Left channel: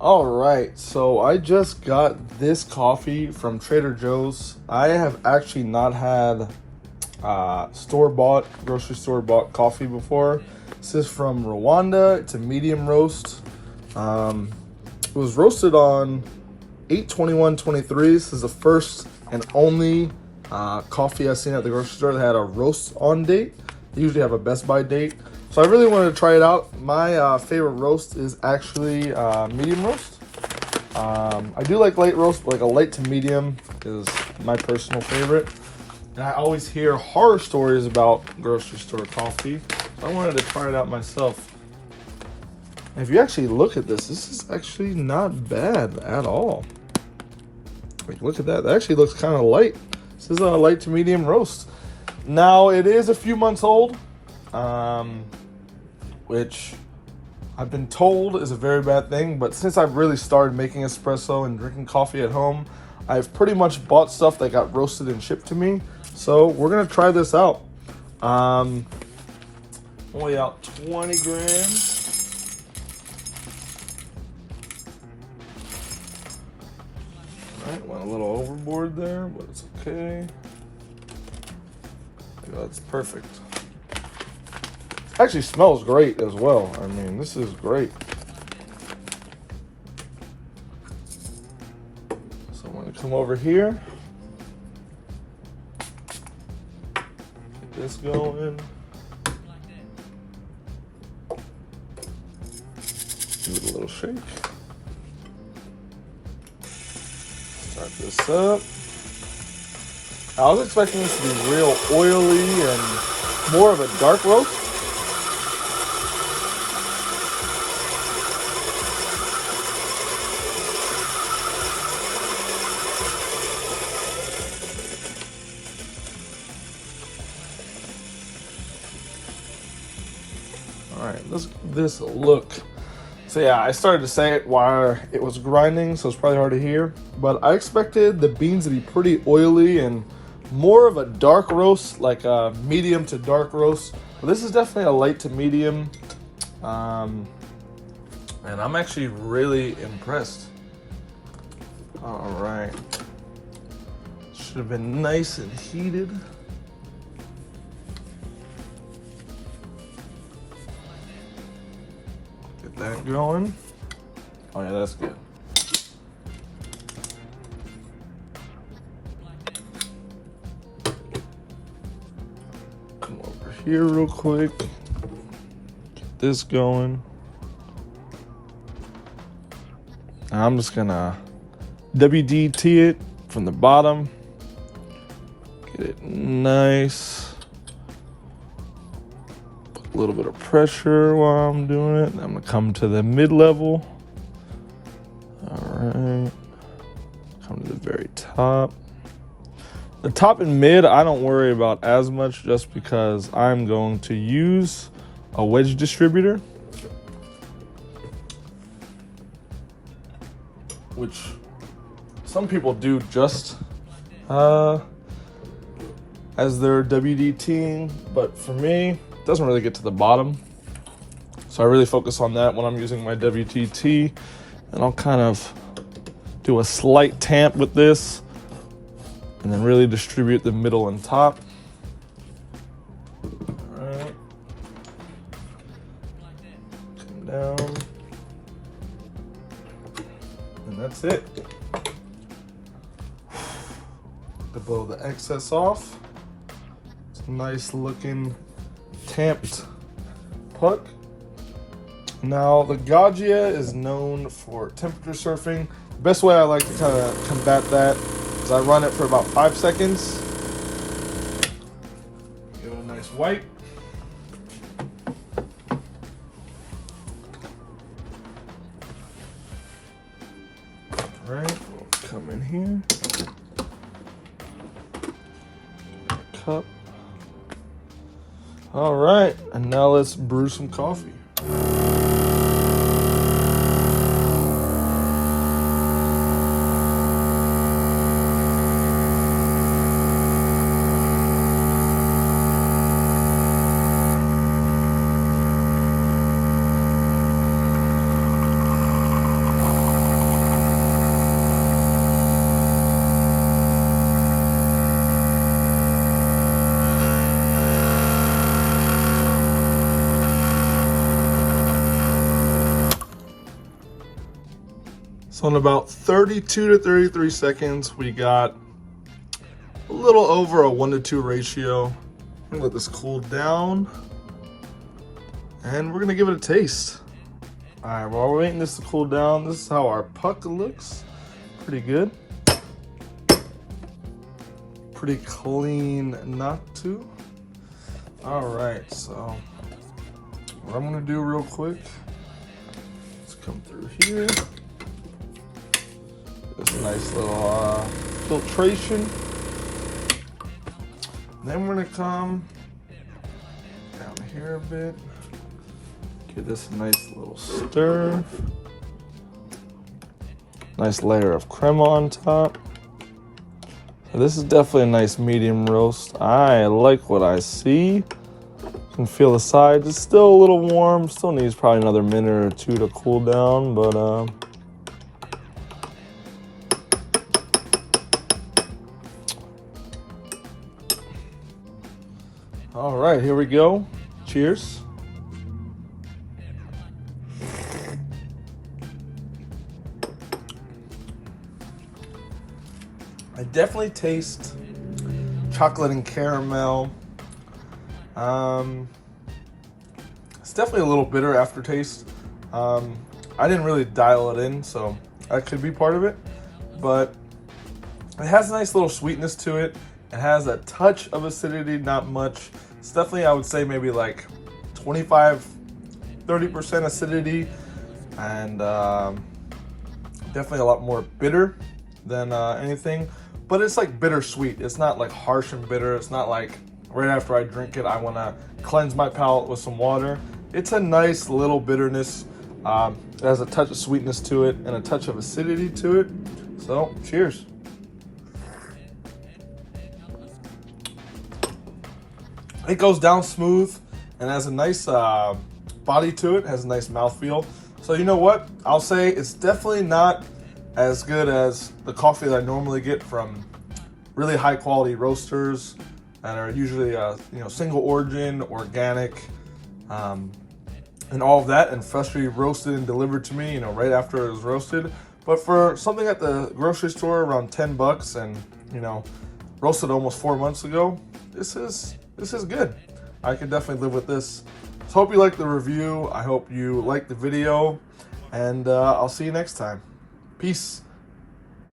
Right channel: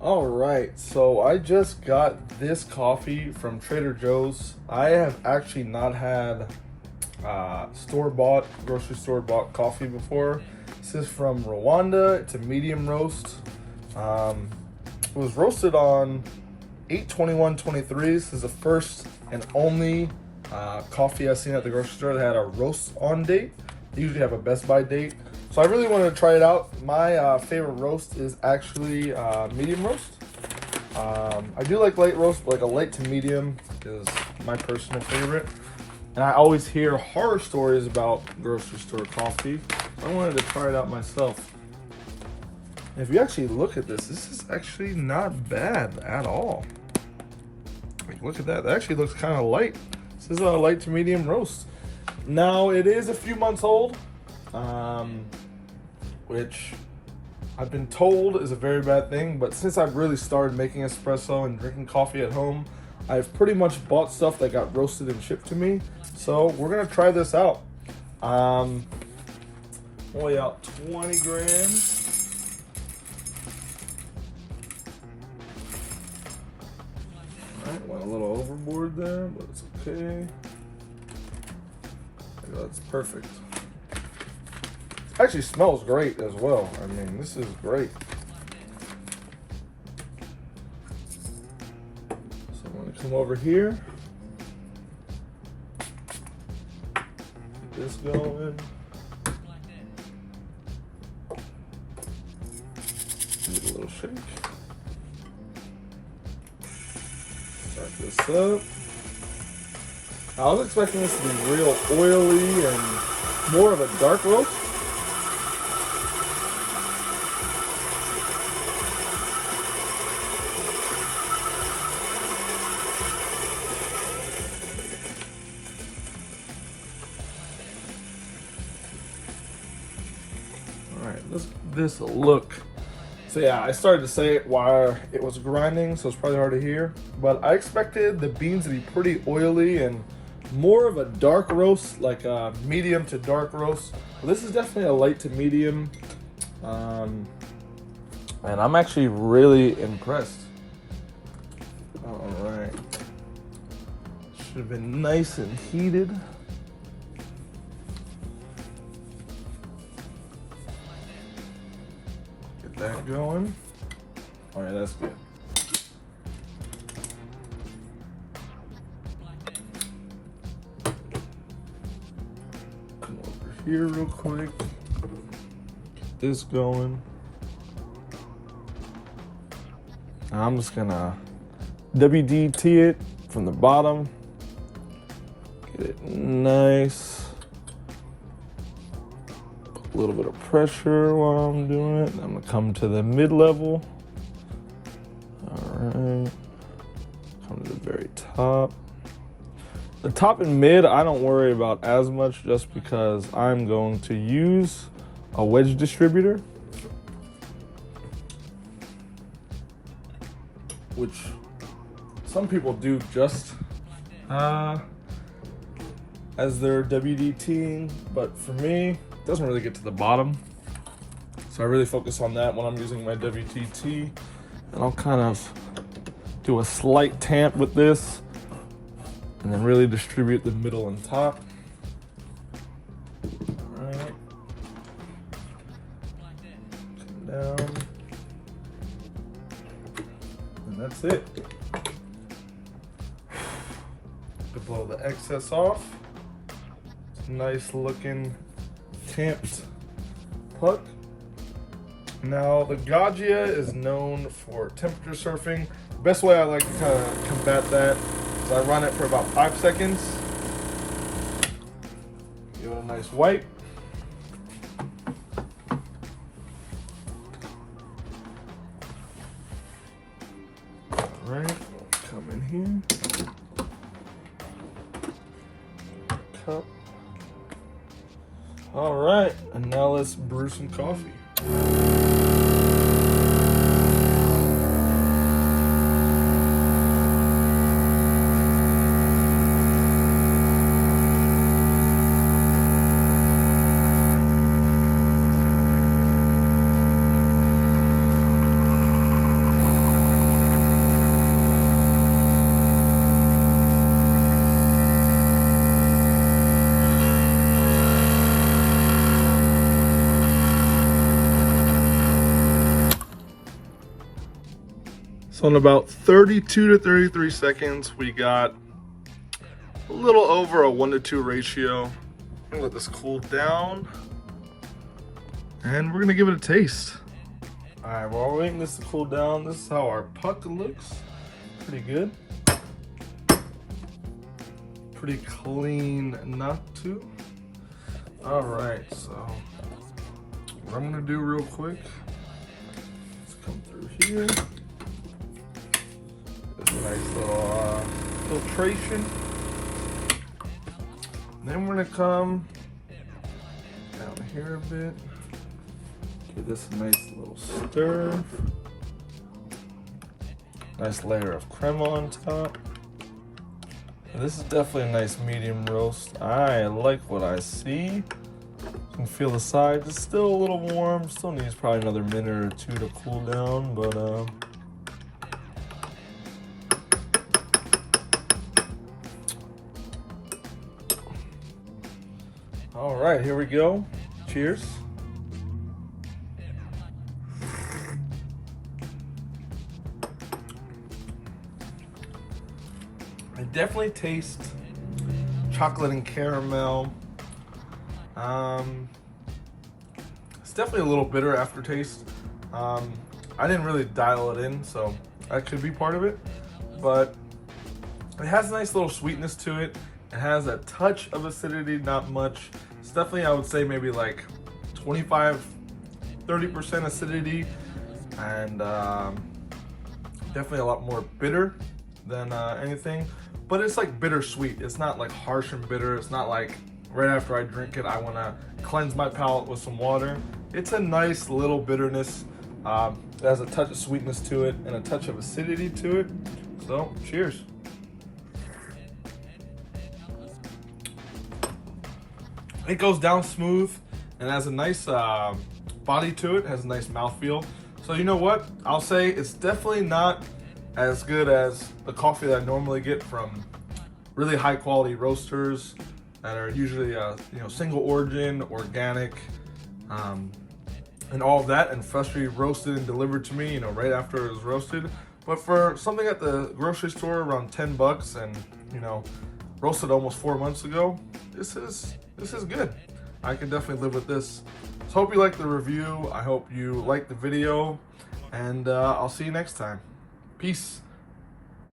All right, so I just got this coffee from Trader Joe's. I have actually not had store-bought, grocery store-bought coffee before. This is from Rwanda. It's a medium roast. It was roasted on 8/21/23. This is the first and only coffee I've seen at the grocery store that had a roast on date. They usually have a Best By date. So I really wanted to try it out. My favorite roast is actually medium roast. I do like light roast, but like a light to medium is my personal favorite. And I always hear horror stories about grocery store coffee. So I wanted to try it out myself. And if you actually look at this is actually not bad at all. Like, look at that. That actually looks kind of light. This is a light to medium roast. Now, it is a few months old, which I've been told is a very bad thing, but since I've really started making espresso and drinking coffee at home, I've pretty much bought stuff that got roasted and shipped to me. So we're gonna try this out. Only out 20 grams. All right, went a little overboard there, but it's okay. That's perfect. Actually smells great as well. I mean, this is great. So I'm gonna come over here. Get this going. Give it a little shake. Start this up. I was expecting this to be real oily and more of a dark roast. All right, this look. So yeah, I started to say it while it was grinding, so it's probably hard to hear. But I expected the beans to be pretty oily and more of a dark roast, like a medium to dark roast. But this is definitely a light to medium. And I'm actually really impressed. All right. Should have been nice and heated. Get that going. Oh yeah, that's good. Come over here real quick. Get this going. Now I'm just gonna WDT it from the bottom. Get it nice. Put a little bit of pressure while I'm doing it. I'm gonna come to the mid-level. All right. Come to the very top. The top and mid, I don't worry about as much just because I'm going to use a wedge distributor, which some people do just as their WDTing, but for me, it doesn't really get to the bottom. So I really focus on that when I'm using my WTT, and I'll kind of do a slight tamp with this and then really distribute the middle and top. All right. Come down. And that's it. To blow the excess off. It's a nice looking tamped puck. Now the Gaggia is known for temperature surfing. The best way I like to kind of combat that is I run it for about 5 seconds. Give it a nice wipe. All right, come in here. Cup. All right, and now let's brew some coffee. So in about 32 to 33 seconds, we got a little over a 1-to-2 ratio. I'm gonna let this cool down and we're gonna give it a taste. All right, while we're waiting this to cool down, this is how our puck looks. Pretty good. Pretty clean, not too. All right, so what I'm gonna do real quick, let's come through here. This nice little filtration. Then we're gonna come down here a bit. Give this a nice little stir. Nice layer of crema on top. And this is definitely a nice medium roast. I like what I see. You can feel the sides. It's still a little warm. Still needs probably another minute or two to cool down, but all right, here we go. Cheers. I definitely taste chocolate and caramel. It's definitely a little bitter aftertaste. I didn't really dial it in, so that could be part of it. But it has a nice little sweetness to it. It has a touch of acidity, not much. It's definitely, I would say, maybe like 25-30% acidity, and definitely a lot more bitter than anything. But it's like bittersweet. It's not like harsh and bitter. It's not like right after I drink it, I want to cleanse my palate with some water. It's a nice little bitterness. It has a touch of sweetness to it and a touch of acidity to it. So, cheers. It goes down smooth and has a nice body to it. It has a nice mouthfeel. So you know what? I'll say it's definitely not as good as the coffee that I normally get from really high quality roasters that are usually single origin, organic, and all of that, and freshly roasted and delivered to me, right after it was roasted. But for something at the grocery store around 10 bucks and roasted almost 4 months ago, this is good. I can definitely live with this. So hope you liked the review. I hope you liked the video, and I'll see you next time. Peace.